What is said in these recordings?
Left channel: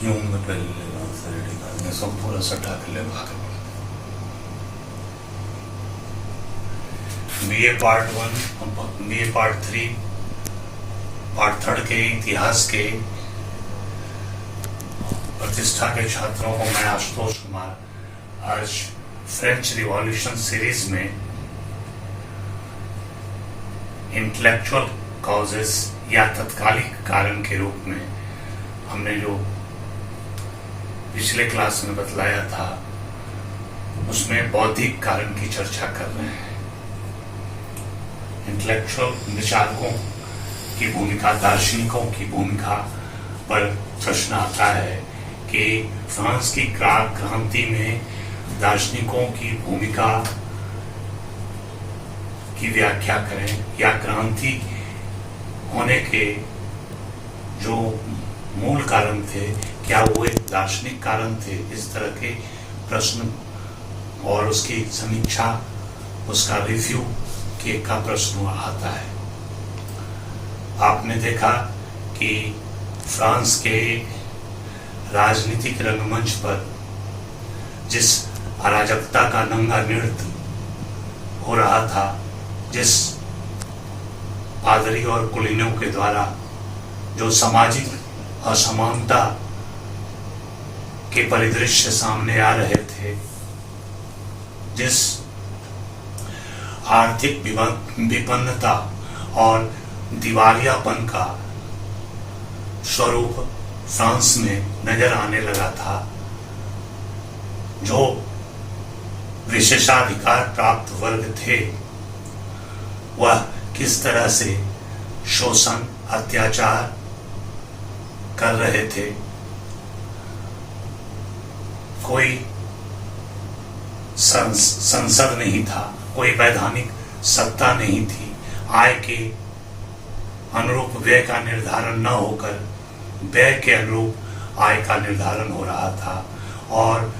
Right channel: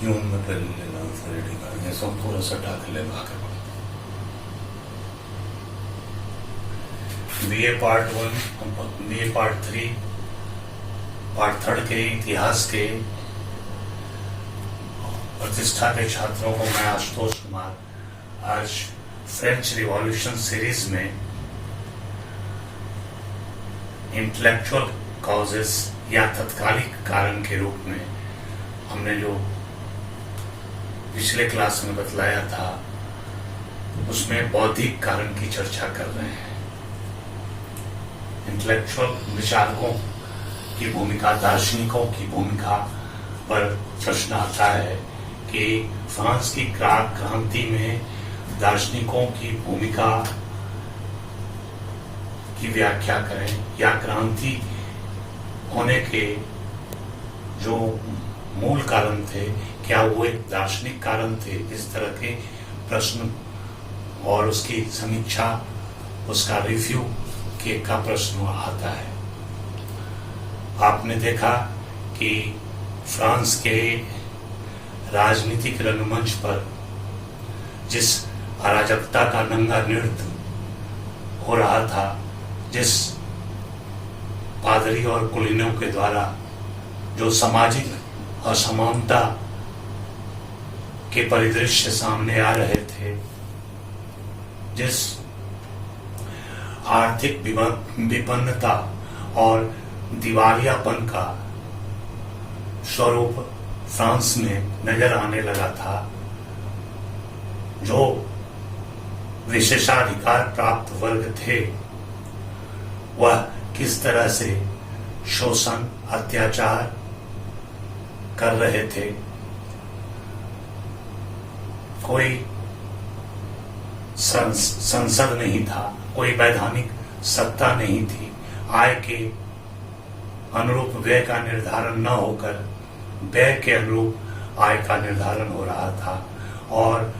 जून में पहले लेगा सब पूरा सटा के ले BA part 1, BA part 3, part 3 के इतिहास के प्रतिष्ठा के छात्रों को मैं आशुतोष कुमार आज फ्रेंच रिवॉल्यूशन सीरीज में इंटेलेक्चुअल कॉजेस या तत्कालिक कारण के रूप में हमने जो पिछले क्लास में बतलाया था उसमें बौद्धिक कारण की चर्चा कर रहे हैं। इंटेलेक्चुअल विचारकों की भूमिका, दार्शनिकों की भूमिका पर प्रश्न आता है कि फ्रांस की क्रांति में दार्शनिकों की भूमिका की व्याख्या करें या क्रांति होने के जो मूल कारण थे क्या वो एक दार्शनिक कारण थे। इस तरह के प्रश्न और उसकी समीक्षा, उसका रिव्यू के का प्रश्न आता है। आपने देखा कि फ्रांस के राजनीतिक रंगमंच पर जिस अराजकता का नंगा नृत्य हो रहा था, जिस पादरी और कुलीनों के द्वारा जो सामाजिक असमानता के परिदृश्य सामने आ रहे थे, जिस आर्थिक विपन्नता और दिवालियापन का स्वरूप फ्रांस में नजर आने लगा था, जो विशेषाधिकार प्राप्त वर्ग थे वह किस तरह से शोषण, अत्याचार कर रहे थे। कोई संसद नहीं था, कोई वैधानिक सत्ता नहीं थी, आय के अनुरूप व्यय का निर्धारण न होकर व्यय के अनुरूप आय का निर्धारण हो रहा था। और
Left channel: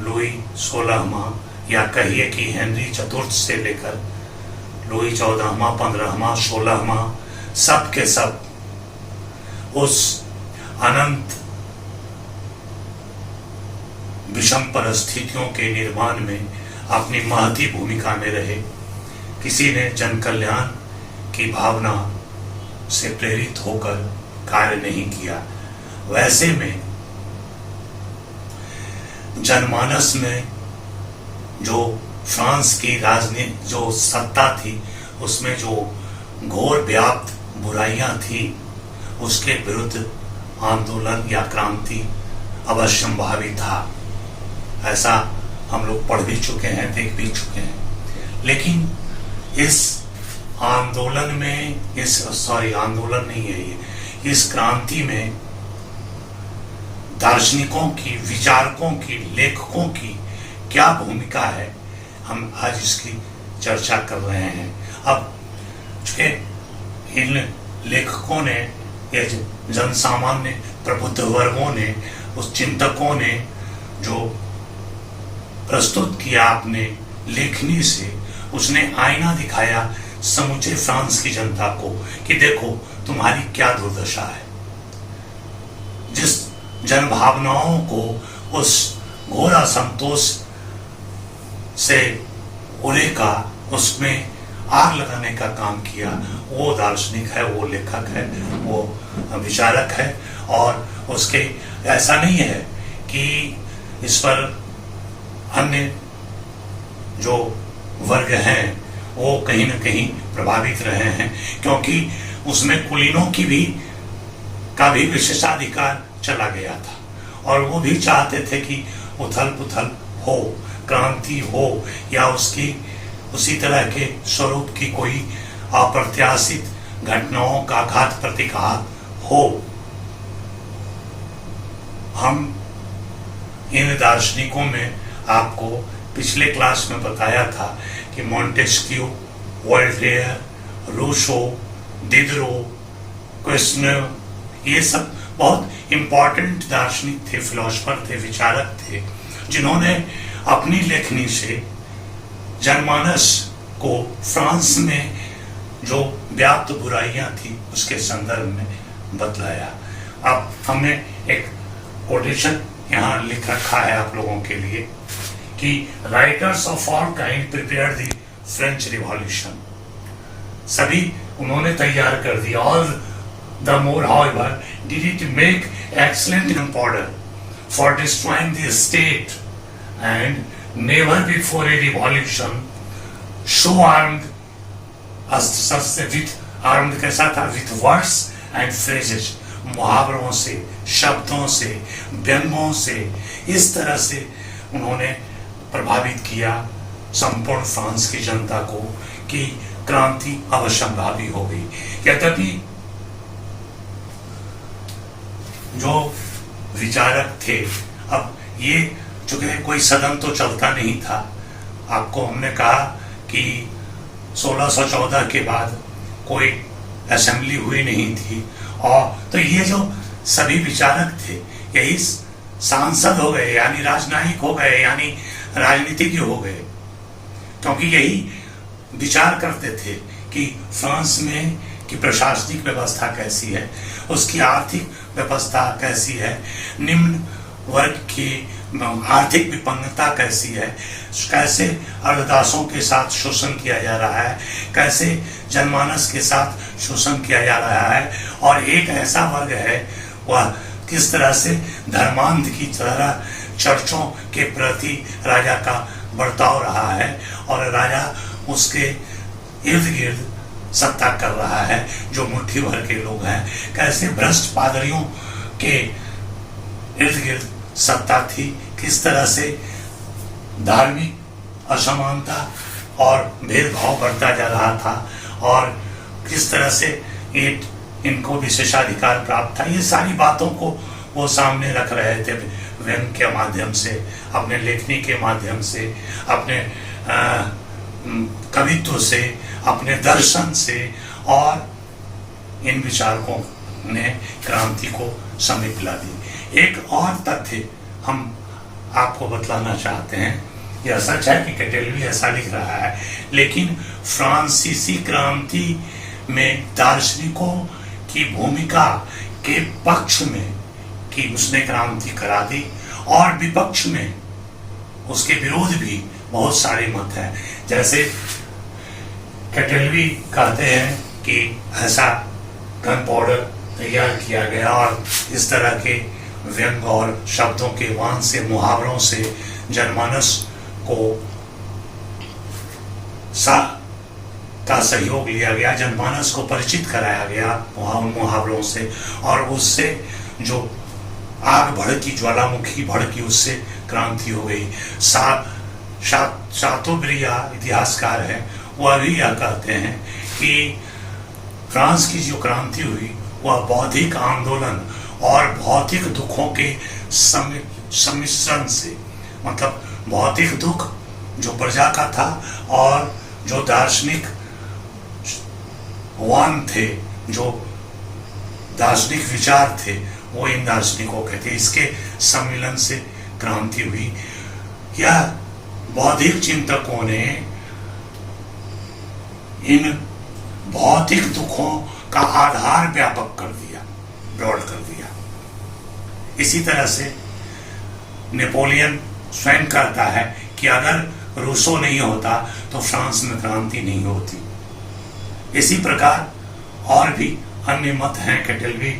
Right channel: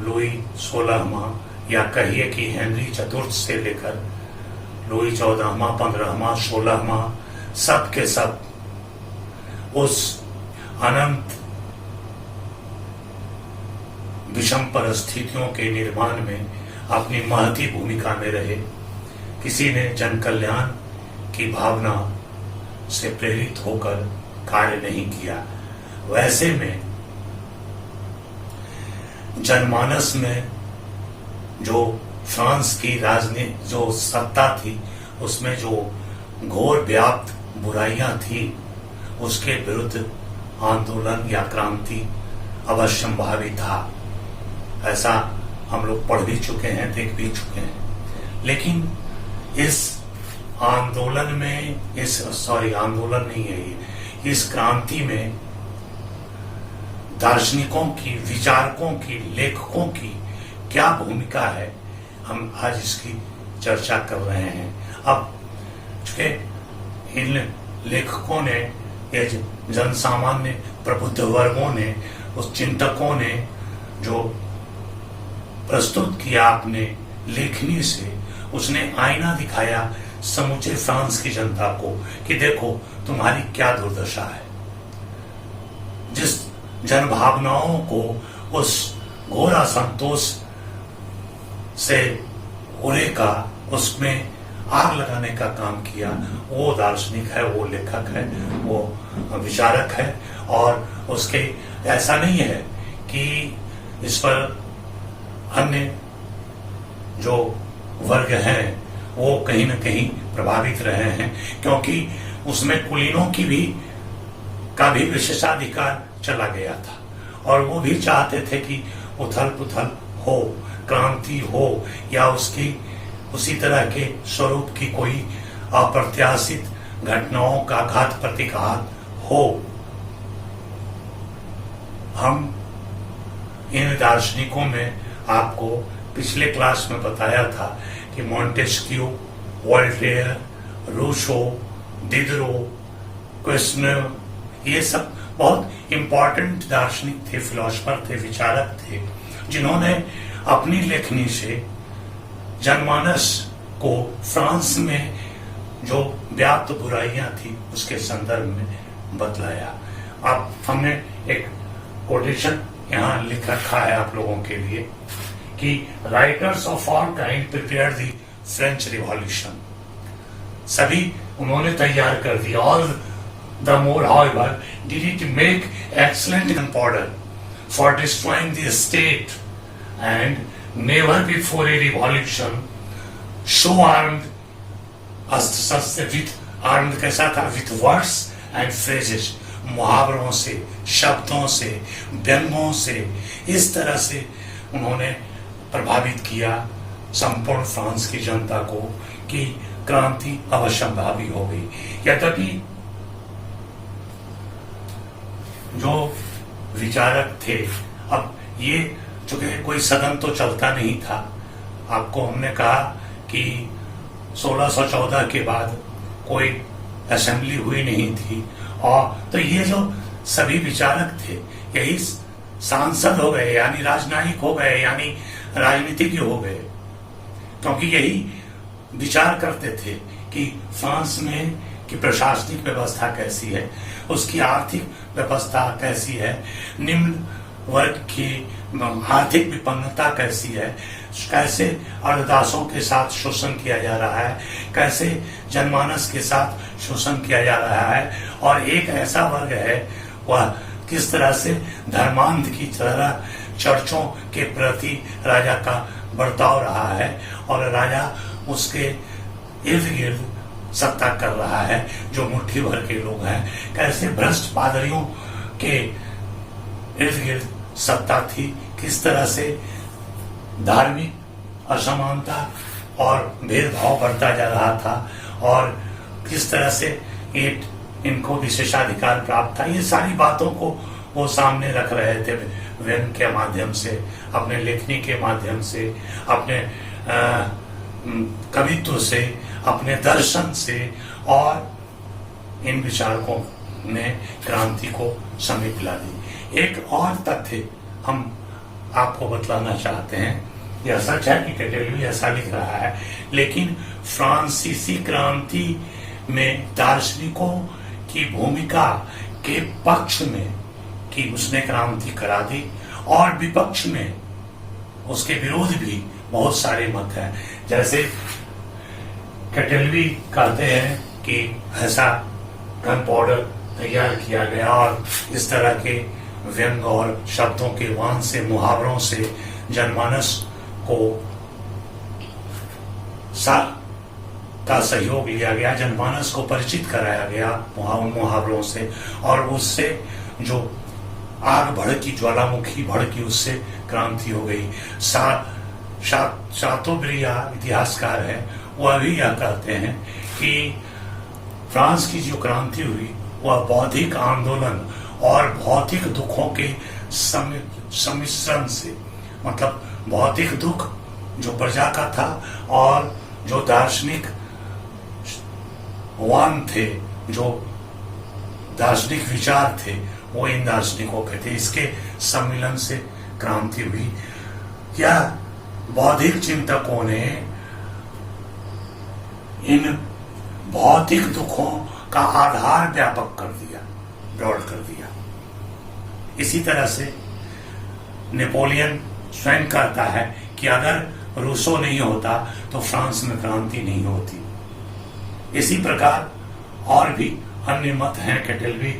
लुई 16वां या कहिए कि हेनरी चतुर्थ से लेकर लुई 14वां, 15वां, 16वां सब के सब उस अनंत विषम परिस्थितियों के निर्माण में अपनी महती भूमिका में रहे। किसी ने जन कल्याण की भावना से प्रेरित होकर कार्य नहीं किया। वैसे में जनमानस में जो फ्रांस की राजनीति जो सत्ता थी उसमें जो घोर व्याप्त बुराइयां थी, उसके विरुद्ध आंदोलन या क्रांति अवश्यंभावी था। ऐसा हम लोग पढ़ भी चुके हैं, देख भी चुके हैं। लेकिन इस आंदोलन में आंदोलन नहीं है ये, इस क्रांति में दार्शनिकों की, विचारकों की, लेखकों की क्या भूमिका है, हम आज इसकी चर्चा कर रहे हैं। अब इन लेखकों ने, ये जनसामान्य प्रबुद्ध वर्गों ने, उस चिंतकों ने जो प्रस्तुत किया अपने लेखनी से, उसने आईना दिखाया समूचे फ्रांस की जनता को कि देखो तुम्हारी क्या दुर्दशा है। जिस जन भावनाओं को उस घोर असंतोष से उलेका, उसमें आग लगाने का काम किया, वो दार्शनिक है, वो लेखक है, वो विचारक है। और उसके ऐसा नहीं है कि इस पर अन्य जो वर्ग हैं वो कहीं न कहीं प्रभावित रहे हैं, क्योंकि उसमें कुलीनों का भी विशेषाधिकार चला गया था और वो भी चाहते थे कि उथल पुथल हो, क्रांति हो या उसी तरह के स्वरूप की कोई अप्रत्याशित घटनाओं का घात प्रतिघात हो। हम इन दार्शनिकों में आपको पिछले क्लास में बताया था कि मॉन्टेस्क्यू, वोल्टेयर, रूसो, डिडरो, क्वेश्चनर, ये सब बहुत इंपॉर्टेंट दार्शनिक थे, फिलोसफर थे, विचारक थे, जिन्होंने अपनी लेखनी से जनमानस को फ्रांस में जो व्याप्त बुराइयां थी उसके संदर्भ में बतलाया। अब हमने एक कोटेशन यहाँ लिख रखा है आप लोगों के लिए कि writers of all kind prepare the French revolution, सभी उन्होंने तैयार कर दिया। All the more however did it make excellent powder for destroying the state, and never before a revolution so armed कैसा था, with words and phrases, मुहावरों से, शब्दों से, व्यंगों से, इस तरह से उन्होंने प्रभावित किया संपूर्ण फ्रांस की जनता को कि क्रांति अवश्यंभावी हो गई। यद्यपि जो विचारक थे, अब ये चूंकि कोई सदन तो चलता नहीं था, आपको हमने कहा कि 1614 के बाद कोई असेंबली हुई नहीं थी, और तो ये जो सभी विचारक थे यही सांसद हो गए, यानी राजनयिक हो गए, यानी राजनीतिज्ञ हो गए, क्योंकि यही विचार करते थे कि फ्रांस में की प्रशासनिक व्यवस्था कैसी है, उसकी आर्थिक व्यवस्था कैसी है, निम्न वर्ग की आर्थिक विपन्नता कैसी है, कैसे अर्धदासों के साथ शोषण किया जा रहा है, कैसे जनमानस के साथ शोषण किया जा रहा है, और एक ऐसा वर्ग है वह किस तरह से धर्मांध की तरह चर्चों के प्रति राजा का बर्ताव रहा है, और राजा उसके इर्द गिर्द सत्ता कर रहा है जो मुट्ठी भर के लोग हैं, कैसे भ्रष्ट पादरियों के इर्द गिर्द सत्ता थी, किस तरह से धार्मिक असमानता और भेदभाव बढ़ता जा रहा था, और किस तरह से इनको विशेषाधिकार प्राप्त था। ये सारी बातों को वो सामने रख रहे थे व्यंग के माध्यम से, अपने लेखनी के माध्यम से, अपने कवित्व से, अपने दर्शन से, और इन विचारकों ने क्रांति को समेट ला दी। एक और तथ्य हम आपको बतलाना चाहते हैं, यह सच है कि कैटेलवी ऐसा लिख रहा है, लेकिन फ्रांसीसी क्रांति में दार्शनिकों की भूमिका के पक्ष में कि उसने क्रांति करा दी, और विपक्ष में उसके विरोध भी बहुत सारे मत हैं। जैसे कैटेलवी कहते हैं कि ऐसा गन पाउडर तैयार किया गया और इस तरह के व्यंग और शब्दों के वान से, मुहावरों से जनमानस को का सहयोग लिया गया, जनमानस को परिचित कराया गया मुहावरों से, और उससे जो आग भड़की, ज्वालामुखी भड़की, उससे क्रांति हो गई। शातोब्रिया इतिहासकार है, वह भी यह कहते हैं कि फ्रांस की जो क्रांति हुई वह बौद्धिक आंदोलन और भौतिक दुखों के सम्मिश्रण से, मतलब भौतिक दुख जो प्रजा का था और जो दार्शनिक वान थे, जो दार्शनिक विचार थे, वो इन दार्शनिकों के थे, इसके सम्मिलन से क्रांति हुई। यह बौद्धिक चिंतकों ने इन भौतिक दुखों का आधार व्यापक कर दिया, ब्रॉड कर दिया। इसी तरह से नेपोलियन स्वयं कहता है कि अगर रूसो नहीं होता तो फ्रांस में क्रांति नहीं होती। इसी प्रकार और भी अन्य मत हैं। कैटेलवी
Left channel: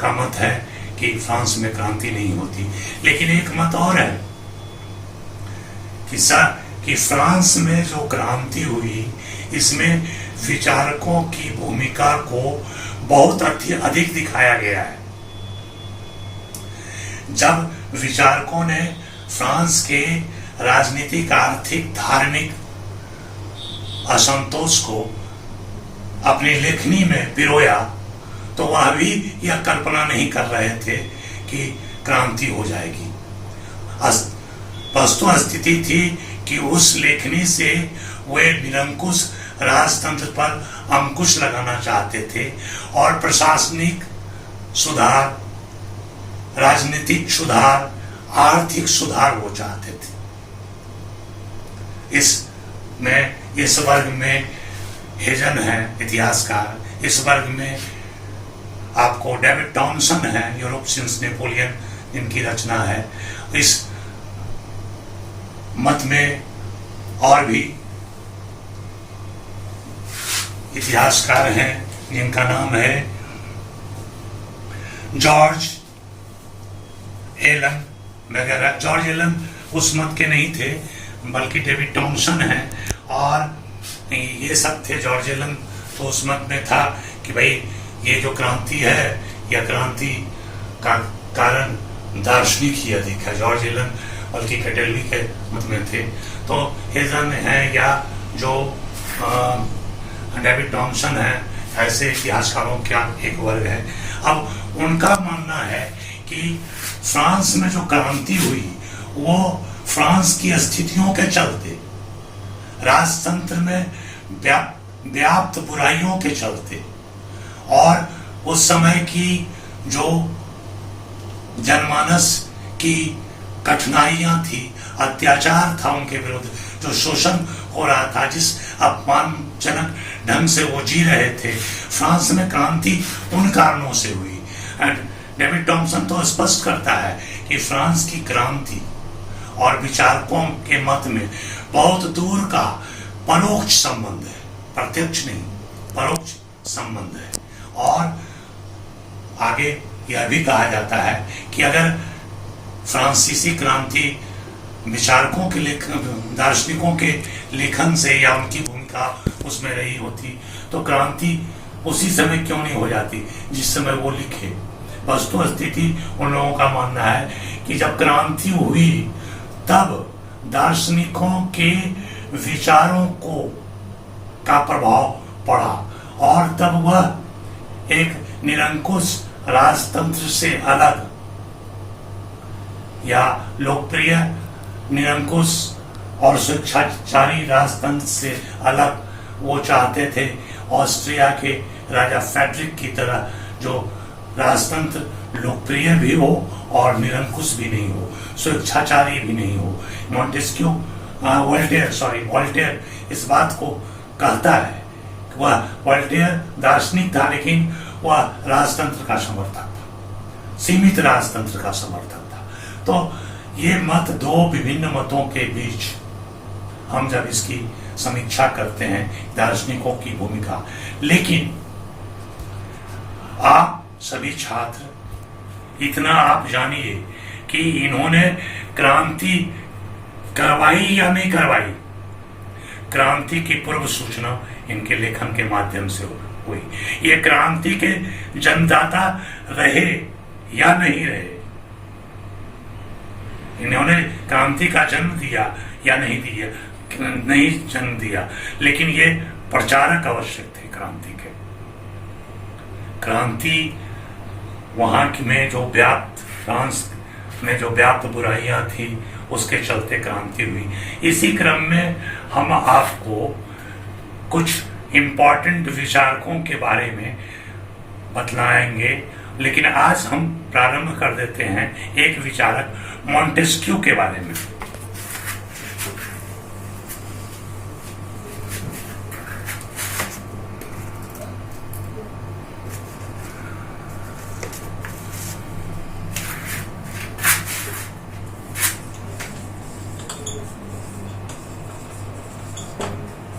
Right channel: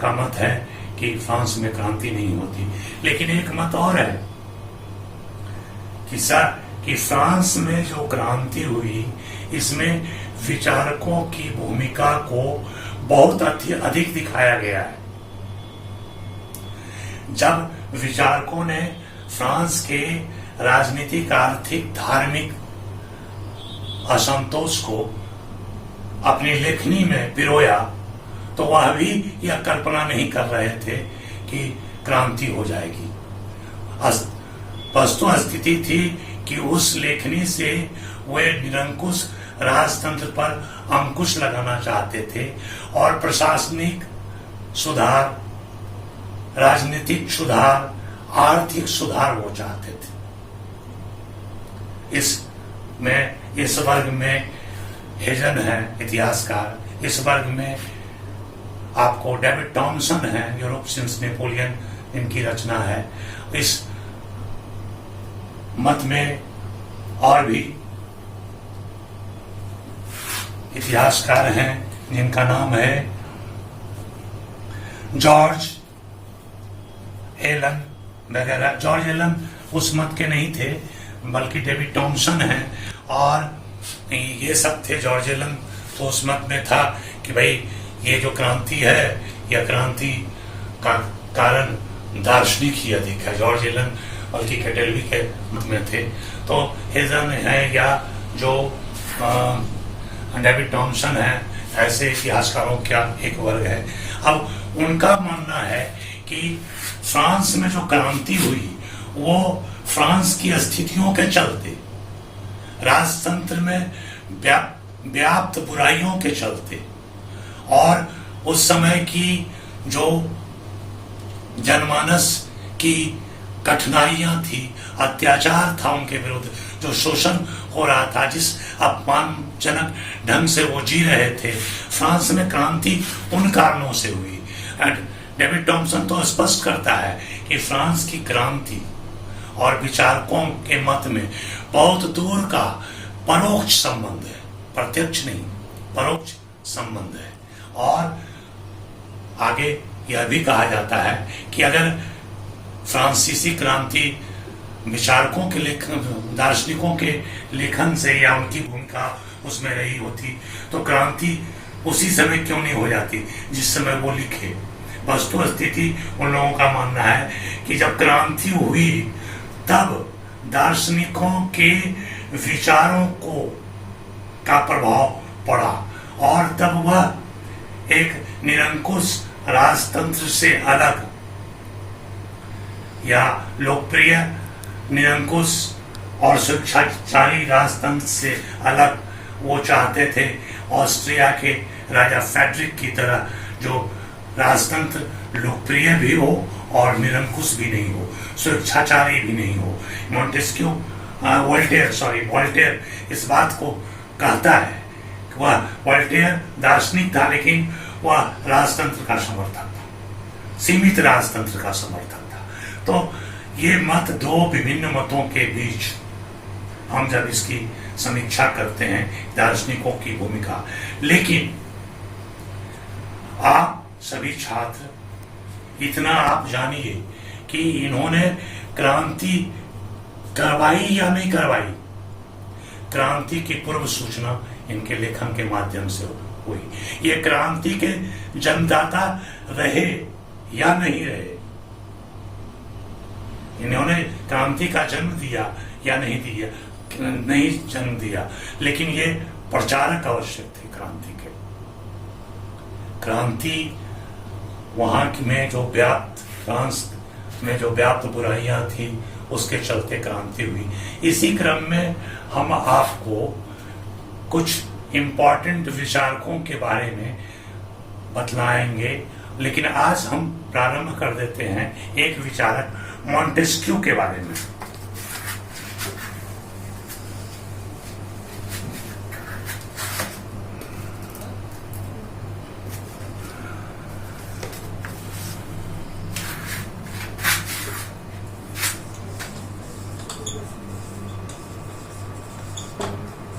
का मत है कि फ्रांस में क्रांति नहीं होती, लेकिन एक मत और है कि फ्रांस में जो क्रांति हुई इसमें विचारकों की भूमिका को बहुत अधिक दिखाया गया है। जब विचारकों ने फ्रांस के राजनीतिक, आर्थिक, धार्मिक असंतोष को अपनी लेखनी में पिरोया, तो वह भी यह कल्पना नहीं कर रहे थे कि क्रांति हो जाएगी। वस्तु स्थिति थी कि उस लेखनी से वे निरंकुश राजतंत्र पर अंकुश लगाना चाहते थे और प्रशासनिक सुधार, राजनीतिक सुधार, आर्थिक सुधार वो चाहते थे। इस वर्ग में हेजन है इतिहासकार, इस वर्ग में आपको डेविड टॉमसन है, यूरोप सिंस नेपोलियन इनकी रचना है। इस मत में और भी इतिहासकार हैं जिनका नाम है जॉर्ज एलन वगैरह। जॉर्ज एलन उस मत के नहीं थे, बल्कि डेविड टॉमसन हैं, और ये सब थे। जॉर्ज एलन तो उस मत में था कि भाई ये जो क्रांति है, यह क्रांति का कारण दार्शनिक ही अधिक है। जॉर्ज एलन बल्कि कैटेलवी के मत में थे। तो हेजन है या जो डेविड टॉमसन है, ऐसे इतिहासकारों का एक वर्ग है। अब उनका मानना है कि फ्रांस में जो क्रांति हुई वो फ्रांस की स्थितियों के चलते, राजतंत्र में व्याप्त बुराइयों के चलते, और उस समय की जो जनमानस की कठिनाइयां थी, अत्याचार था उनके विरुद्ध, जो शोषण हो रहा था, जिस अपमानजनक ढंग से वो जी रहे थे, फ्रांस में क्रांति उन कारणों से हुई। डेविड टॉमसन तो स्पष्ट करता है कि फ्रांस की क्रांति और विचारकों के मत में बहुत दूर का परोक्ष संबंध है, प्रत्यक्ष नहीं, परोक्ष संबंध है। और आगे यह भी कहा जाता है कि अगर फ्रांसीसी क्रांति विचारकों के लेखन, दार्शनिकों के लेखन से या उनकी भूमिका उसमें रही होती तो क्रांति उसी समय क्यों नहीं हो जाती जिस समय वो लिखे। वस्तु स्थिति उन लोगों का मानना है कि जब क्रांति हुई तब दार्शनिकों के विचारों का प्रभाव पड़ा, और तब वह एक निरंकुश राजतंत्र से अलग या लोकप्रिय निरंकुश और स्वेच्छाचारी राजतंत्र से अलग वो चाहते थे। ऑस्ट्रिया के राजा फेडरिक की तरह जो राजतंत्र लोकप्रिय भी हो और निरंकुश भी नहीं हो, स्वेच्छाचारी भी नहीं हो। मॉन्टेस्क्यू वोल्टेयर इस बात को कहता है कि वह वोल्टेयर दार्शनिक था, लेकिन वह राजतंत्र का समर्थक था, सीमित राजतंत्र का समर्थक था। तो ये मत, दो विभिन्न मतों के बीच हम जब इसकी समीक्षा करते हैं, दार्शनिकों की भूमिका, लेकिन आप सभी छात्र इतना आप जानिए कि इन्होंने क्रांति करवाई या नहीं करवाई, क्रांति की पूर्व सूचना इनके लेखन के माध्यम से हुई। ये क्रांति के जन्मदाता रहे या नहीं रहे, इन्होंने क्रांति का जन्म दिया या नहीं दिया, नहीं जन्म दिया, लेकिन ये प्रचारक आवश्यक थे क्रांति के। क्रांति वहां में जो व्याप्त, फ्रांस में जो व्याप्त बुराइयां थी उसके चलते क्रांति हुई। इसी क्रम में हम आपको कुछ इम्पोर्टेंट विचारकों के बारे में बतलाएंगे, लेकिन आज हम प्रारंभ कर देते हैं एक विचारक मॉन्टेस्क्यू के बारे में।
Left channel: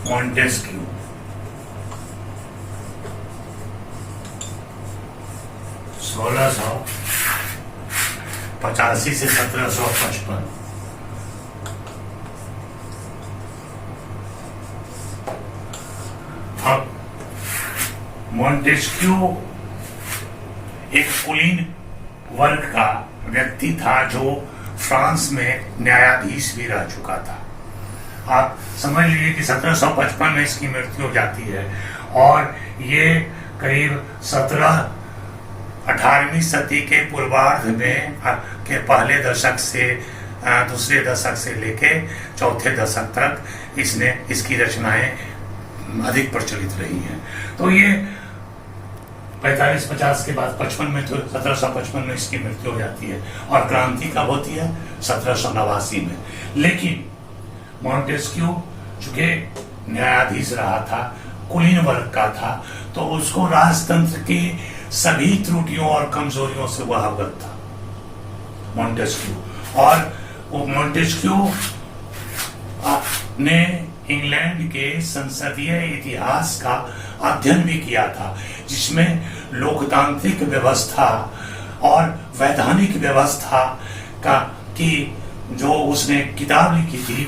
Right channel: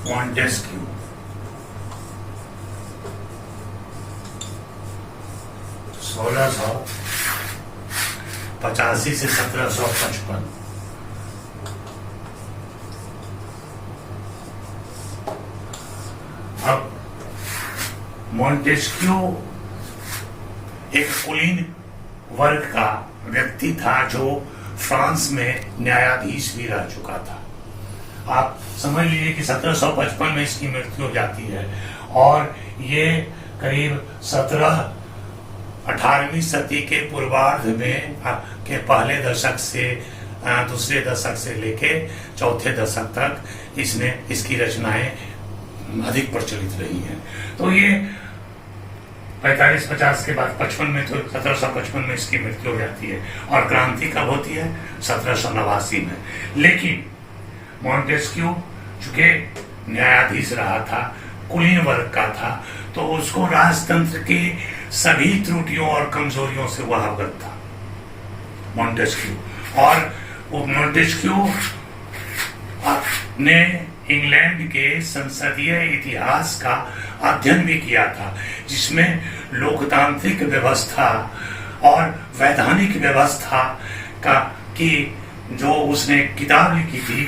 मॉन्टेस्क्यू 1685 से 1755। अब मॉन्टेस्क्यू एक कुलीन वर्ग का व्यक्ति था जो फ्रांस में न्यायाधीश भी रह चुका था। आप समझ लीजिए कि 1755 में इसकी मृत्यु हो जाती है, और ये करीब 18वीं सदी के पूर्वार्ध में के पहले दशक से दूसरे दशक से लेके चौथे दशक तक इसकी रचनाएं अधिक प्रचलित रही हैं। तो ये 45-50 के बाद 55 में, तो 1755 में इसकी मृत्यु हो जाती है, और क्रांति कब होती है? 1789 में। लेकिन मॉन्टेस्क्यू चूंकि न्यायाधीश रहा था, कुलीन वर्ग का था, तो उसको राजतंत्र के सभी त्रुटियों और कमजोरियों से वह अवगत था। मॉन्टेस्क्यू। और वो मॉन्टेस्क्यू ने इंग्लैंड के संसदीय इतिहास का अध्ययन भी किया था, जिसमें लोकतांत्रिक व्यवस्था और वैधानिक व्यवस्था का की जो उसने किताब लिखी थी,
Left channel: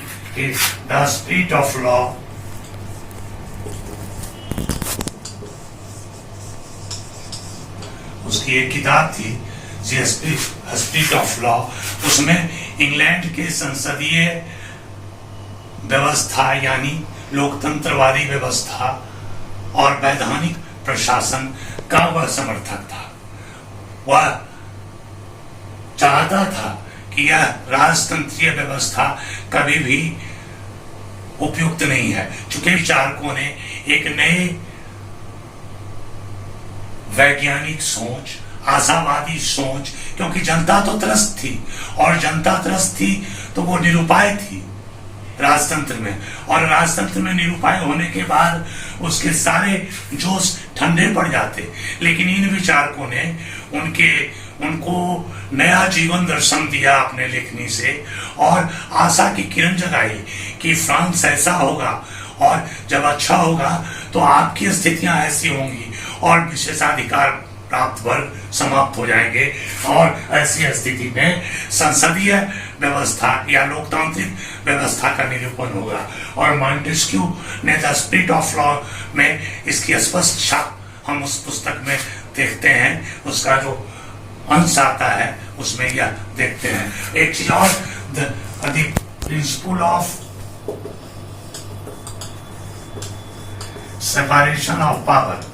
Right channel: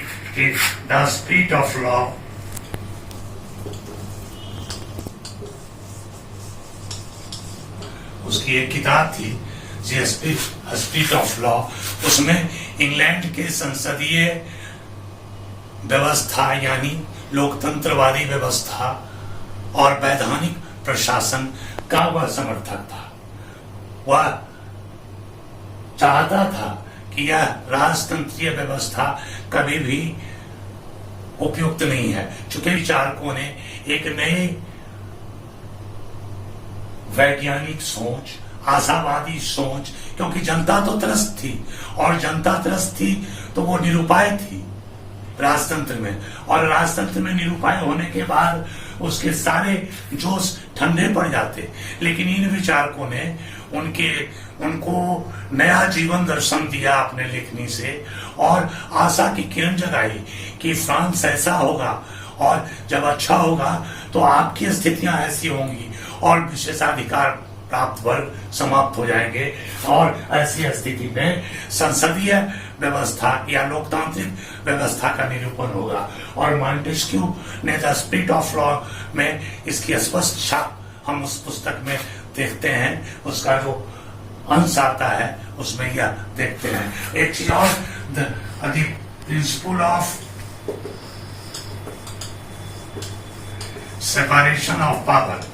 द स्पिरिट ऑफ लॉ। उसकी एक किताब थी स्पिरिट ऑफ लॉ। उसमें इंग्लैंड के संसदीय व्यवस्था यानी लोकतंत्रवादी व्यवस्था और वैधानिक प्रशासन का वह समर्थक था। वह चाहता था कि यह राजतंत्रीय व्यवस्था कभी भी उपयुक्त नहीं है, चूंकि विचारकों ने एक नए वैज्ञानिक सोच, आशावादी सोच, क्योंकि जनता तो त्रस्त थी, और जनता त्रस्त थी तो वो निरुपाय थी राजतंत्र में, और राजतंत्र में निरुपाय होने के बाद उसके सारे जोश ठंडे पड़ जाते। लेकिन इन विचारकों ने उनको नया जीवन दर्शन दिया अपने लेखनी से, और आशा की किरण जगाई कि फ्रांस ऐसा होगा, और जब अच्छा होगा तो आपकी स्थितियां ऐसी होंगी और विशेषाधिकार प्राप्त वर्ग समाप्त हो जाएंगे, और ऐसी स्थिति में संसदीय व्यवस्था या लोकतांत्रिक व्यवस्था का निरूपण होगा। और मॉन्टेस्क्यू ने द स्पिरिट ऑफ लॉ में इसकी स्पष्ट छाप हम उस पुस्तक में देखते हैं। उसका जो अंश आता है उसमें यह देखते हैं। एक चीज और, the principle of separation of power,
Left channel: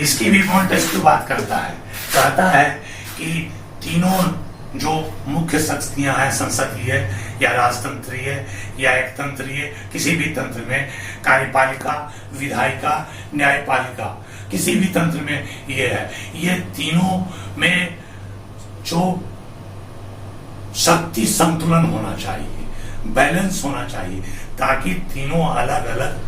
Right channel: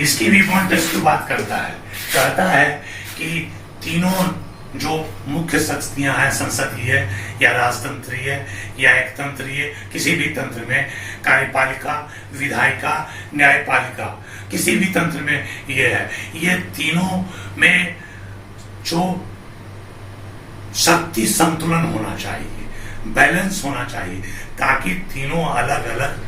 इसकी भी मॉन्टेस्क्यू बात करता है। कहता है कि तीनों जो मुख्य शक्तियां हैं, संसदीय या राजतंत्रीय या एकतंत्रीय, किसी भी तंत्र में, कार्यपालिका, विधायिका, न्यायपालिका, किसी भी तंत्र में ये है, ये तीनों में जो शक्ति संतुलन होना चाहिए, बैलेंस होना चाहिए, ताकि तीनों अलग अलग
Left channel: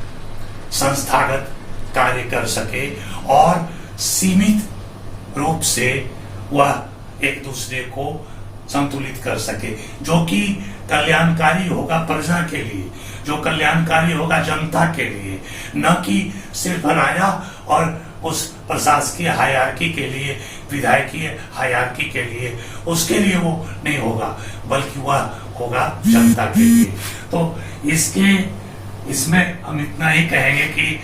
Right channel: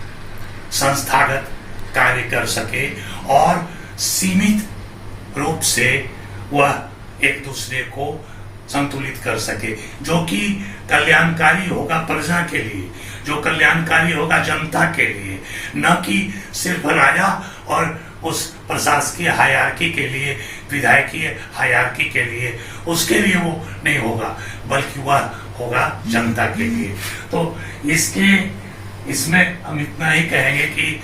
संस्थागत कार्य कर सके और सीमित रूप से वह एक दूसरे को संतुलित कर सके, जो कि कल्याणकारी होगा प्रजा के लिए, जो कल्याणकारी होगा जनता के लिए, न कि सिर्फ राजा और उस प्रशासकीय हायरार्की के लिए, विधायकीय हायरार्की के लिए, उसके लिए वो नहीं होगा, बल्कि वह होगा जनता के लिए। तो इसमें हम इतना ही कहेंगे कि